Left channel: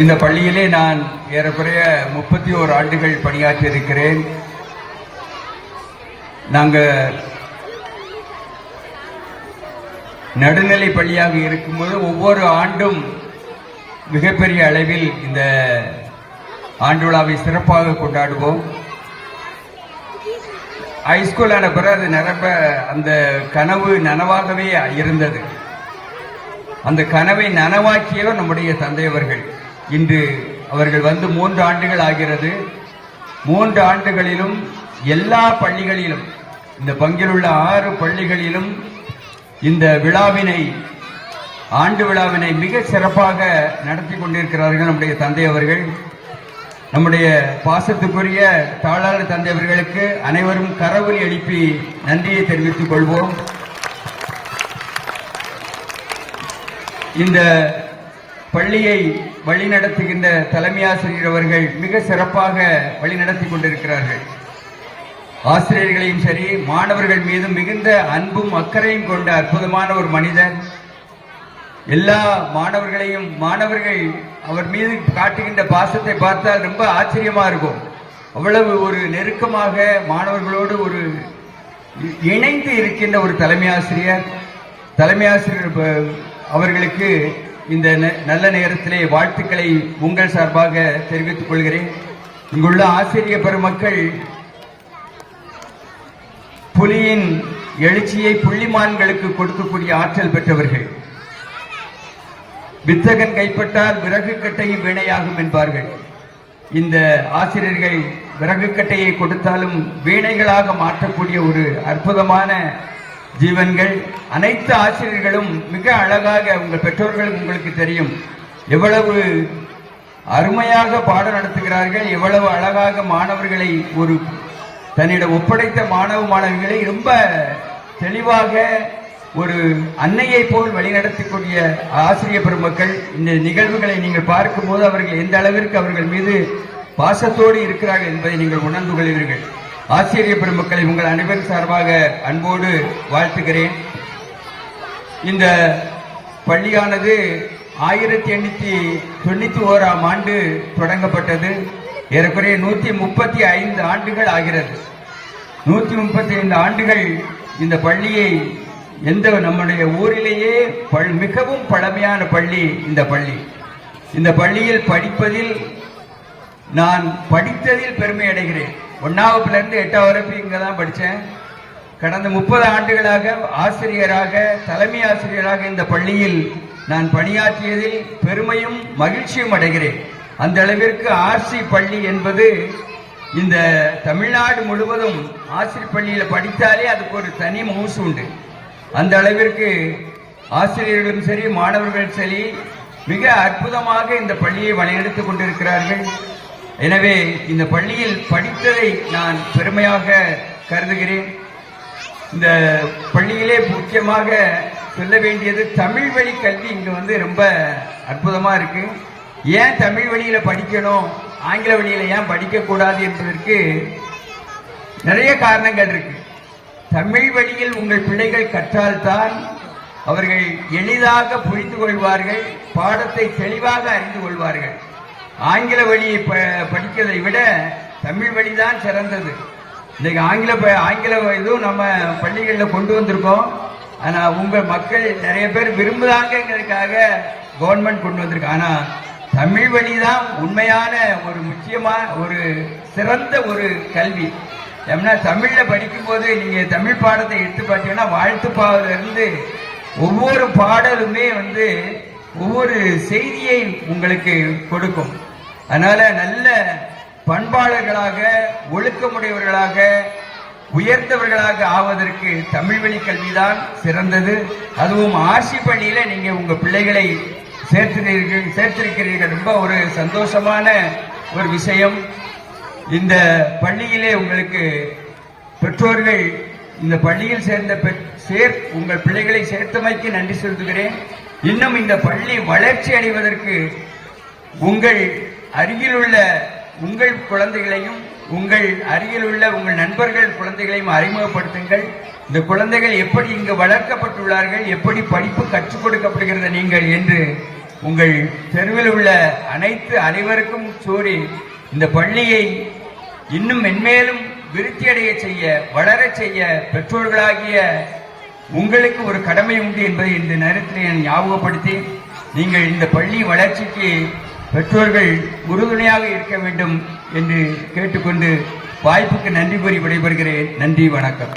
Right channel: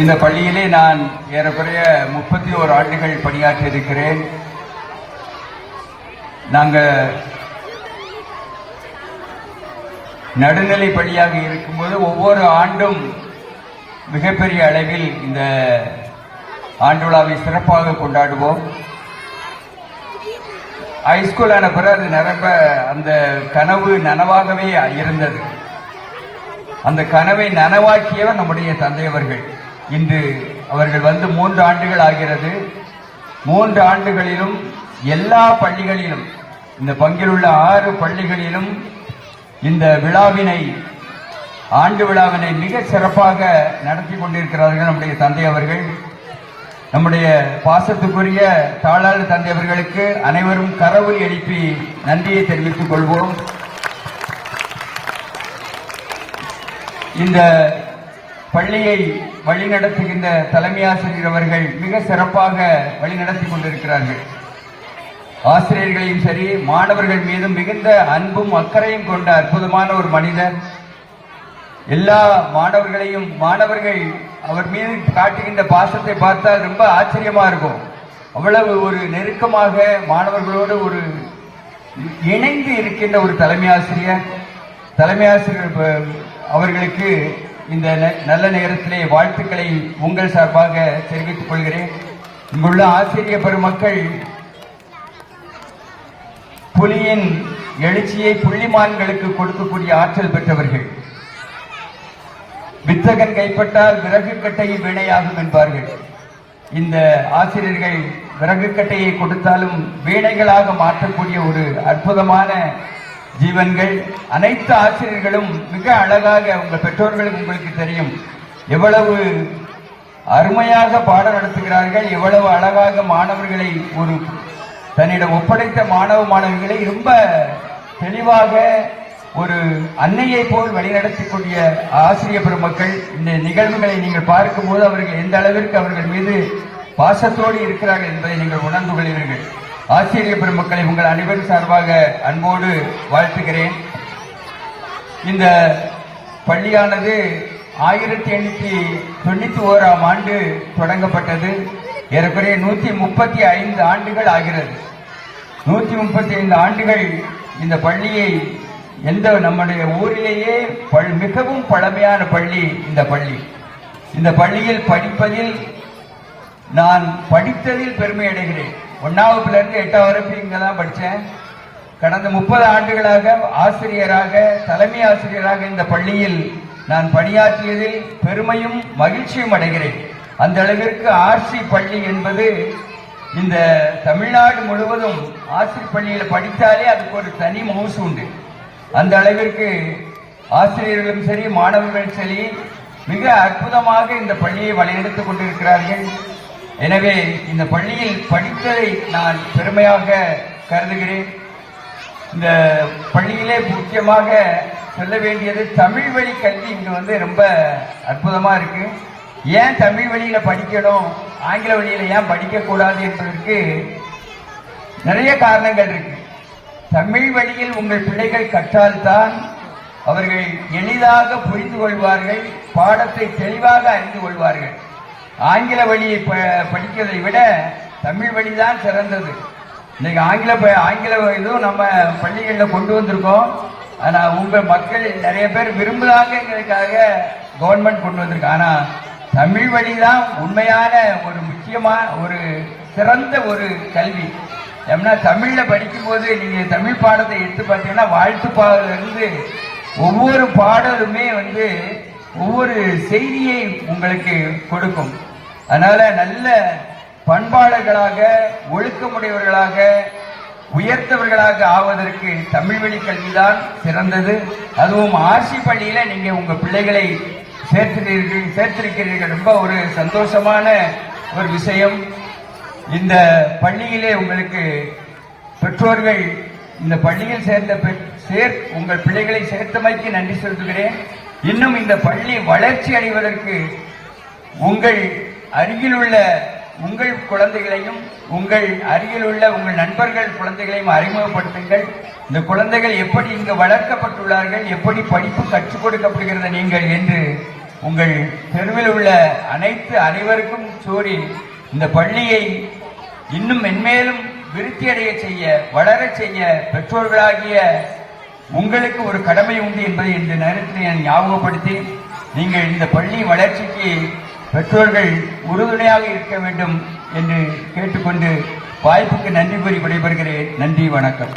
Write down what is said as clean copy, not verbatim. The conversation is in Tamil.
இந்த பள்ளியிலே நான் ஏறக்குறைய 31 ஆண்டுகள் பணியாற்றி இருக்கிறேன். நாங்கள் நடுநிலை பள்ளியாக இருக்கும்போது ஒவ்வொரு ஆண்டும் மிகப்பெரிய அளவில் இந்த ஆண்டு விழாவை சிறப்பாக கொண்டாடுவோம். ஹைஸ்கூல் ஆன பிறகு அது நிரம்ப அந்த கனவு நனவாகவே இருந்தது. அந்த கனவை நனவாக்கியவர் நம்முடைய தந்தையவர்கள். இன்று அவர்கள் வந்து 3 ஆண்டுகள் ஆகிறது. 3 ஆண்டுகளிலும் எல்லா பள்ளிகளிலும், இந்த பங்கில் உள்ள 6 பள்ளிகளிலும் இந்த விழாவினை, ஆண்டு விழாவினை மிக சிறப்பாக நடத்தி கொண்டிருக்கிறார்கள் நம்முடைய தந்தை அவர்கள். நம்முடைய பாசத்துக்குரிய தாளாளர் தந்தை அவர்களுக்கு அனைவரும் கரவொலி எழுப்பி நன்றியை தெரிவித்துக் கொள்வோம். இந்த பள்ளியை வழிநடத்துகின்ற தலைமை ஆசிரியர் அவர்கள் மிக சிறப்பாக வழிநடத்தி கொண்டிருக்கிறார்கள். ஆசிரியர்களையும் சரி, மாணவர்கள் மீதும் மிகுந்த அன்பும் அக்கறையும் கொண்ட அற்புதமான ஒரு மனிதன். எல்லா மாணவர்களையும், மாணவர்கள் அவர் மீது காட்டுகின்ற பாசத்தை பார்த்தால் ரொம்ப ஆச்சரியமா இருக்கும். அவ்வளவு ஒரு நெருக்கமாக மாணவர்களோடு ஒரு இணைந்து இருக்கின்ற ஒரு தலைமை ஆசிரியர். தலைமை ஆசிரியர் அவர்களுக்கு இந்த நல்ல நேரத்திலே வாழ்த்துக்களை உங்கள் சார்பாக தெரிவித்துக் கொள்கிறேன். இங்குள்ள ஆசிரிய பெருமக்கள் புலியின் எழுச்சியை புள்ளிமான்களுக்கு கொடுக்கக்கூடிய ஆற்றல் பெற்றவர்கள். வித்தகன் கைப்பட்டால் விறகு கட்டையும் வீணையாகும் என்பார்கள். இந்த ஆசிரியர்கள் விறகு கட்டையை கொடுத்தாலும் வீணைகளாக மாற்றக்கூடிய ஒரு அற்புதமான ஜீவன்கள். அனைத்து ஆசிரியர்களும் மிக அழகாக, உங்கள் பெற்றோர்களுக்கு உங்களுக்கு தெரியும் எவ்வளவு அருமையாக பாடம் நடத்துகிறார்கள், எவ்வளவு அழகாக மாணவர்களை ஒரு தன்னிடம் ஒப்படைத்த மாணவ மாணவிகளை ரொம்ப தெளிவாக ஒரு அன்னையை போல் வழிநடத்தக்கூடிய ஆசிரிய பெருமக்கள். இந்த நிகழ்வுகளை நீங்கள் பார்க்கும்போது அவர்கள் எந்த அளவிற்கு அவர்கள் மீது பாசத்தோடு இருக்கிறார்கள் என்பதை நீங்கள் உணர்ந்து கொள்வீர்கள். ஆசிரிய பெருமக்களை உங்கள் அனைவரும் சார்பாக அன்போடு வாழ்த்துகிறேன். இந்த பள்ளியானது 1891ஆம் ஆண்டு தொடங்கப்பட்டது. ஏறக்குறைய 135 ஆண்டுகள் ஆகிறது. 135 ஆண்டுகள் இந்த பள்ளியை, எந்த நம்முடைய ஊரிலேயே மிகவும் பழமையான பள்ளி இந்த பள்ளி. இந்த பள்ளியில் படிப்பதில், நான் படித்ததில் பெருமை அடைகிறேன். 1ஆவதுலேருந்து 8ஆவது வரைக்கும் இங்கே தான் படித்தேன். கடந்த 30 ஆண்டுகளாக ஆசிரியராக, தலைமை ஆசிரியராக இந்த பள்ளியில் நான் பணியாற்றியதில் பெருமையும் மகிழ்ச்சியும் அடைகிறேன். அந்த அளவிற்கு ஆர்சி பள்ளி என்பது இந்த தமிழ்நாடு முழுவதும் ஆசிரியர் பள்ளியில் படித்தாலே அதுக்கு ஒரு தனி மவுசு உண்டு. அந்த அளவிற்கு ஆசிரியர்களும் சரி, மாணவர்களும் சரி மிக அற்புதமாக இந்த பள்ளியை வழிநடத்திக் கொண்டிருக்கிறார்கள். எனவே இந்த பள்ளியில் படித்ததை நான் பெருமையாக கருதுகிறேன். இந்த பள்ளியிலே முக்கியமாக சொல்ல வேண்டியது தமிழ் வழி கல்வி இங்க வந்து ரொம்ப அற்புதமா இருக்கு. ஏன் தமிழ் வழியில படிக்கணும், ஆங்கில வழியில ஏன் படிக்க கூடாது என்பதற்கு நிறைய காரணங்கள் இருக்கு. தமிழ் வழியில் உங்கள் பிள்ளைகள் கற்றால்தான் அவர்கள் எளிதாக புரிந்து கொள்வார்கள், பாடத்தை தெளிவாக அறிந்து கொள்வார்கள். ஆங்கில வழியை படிக்கிறதை விட தமிழ் வழிதான் சிறந்தது. இன்னைக்கு ஆங்கில இதுவும் நம்ம பள்ளிகளில் கொண்டு வந்திருக்கோம். ஆனா உங்க மக்கள் நிறைய பேர் விரும்புறாங்கிறதுக்காக கவர்மெண்ட் கொண்டு வந்திருக்கு. ஆனா தமிழ் வழிதான் உண்மையான ஒரு முக்கியமான ஒரு சிறந்த ஒரு கல்வி. ஏன்னா தமிழ்ல படிக்கும் போது நீங்க தமிழ் பாடத்தை எடுத்து பார்த்தீங்கன்னா வாழ்த்து பாடல இருந்து ஒவ்வொரு பாடலுமே வந்து ஒவ்வொரு செய்தியை உங்களுக்கு கொடுக்கும். அதனால நல்ல பண்பாளர்களாக, ஒழுக்கமுடையவர்களாக, உயர்ந்தவர்களாக ஆவதற்கு தமிழ் வழி கல்விதான் சிறந்தது. அதுவும் ஆர்சி பள்ளியில நீங்க உங்க பிள்ளைகளை சேர்த்திருக்கிறீர்கள். ரொம்ப ஒரு சந்தோஷமான ஒரு விஷயம். இந்த பள்ளியிலே உங்களுக்கு பெற்றோர்கள் இந்த பள்ளியில் சேர்ந்த உங்கள் பிள்ளைகளை சேர்த்தமைக்கு நன்றி செலுத்துகிறேன். இன்னும் இந்த பள்ளி வளர்ச்சி அடைவதற்கு உங்கள் அருகில் உள்ள உங்கள் குழந்தைகளையும், உங்கள் அருகில் உள்ள உங்கள் நண்பர்கள் குழந்தைகளையும் அறிமுகப்படுத்துங்கள். இந்த குழந்தைகள் எப்படி இங்கு வளர்க்கப்பட்டுள்ளார்கள், எப்படி படிப்பு கற்றுக் கொடுக்கப்படுகிறது நீங்கள் என்று உங்கள் தெருவில் உள்ள அனைவருக்கும் கூறி இந்த பள்ளியை இன்னும் மென்மேலும் விருத்தியடைய செய்ய, வளரச் செய்ய பெற்றோர்களாகிய உங்களுக்கு ஒரு கடமை உண்டு என்பதை இந்த நேரத்தில் நான் ஞாபகப்படுத்தி, நீங்கள் இந்த பள்ளி வளர்ச்சிக்கு பெற்றோர்கள் உறுதுணையாக இருக்க வேண்டும் என்று கேட்டுக்கொண்டு வாய்ப்புக்கு நன்றி கூறி விடைபெறுகிறேன். நன்றி, வணக்கம்.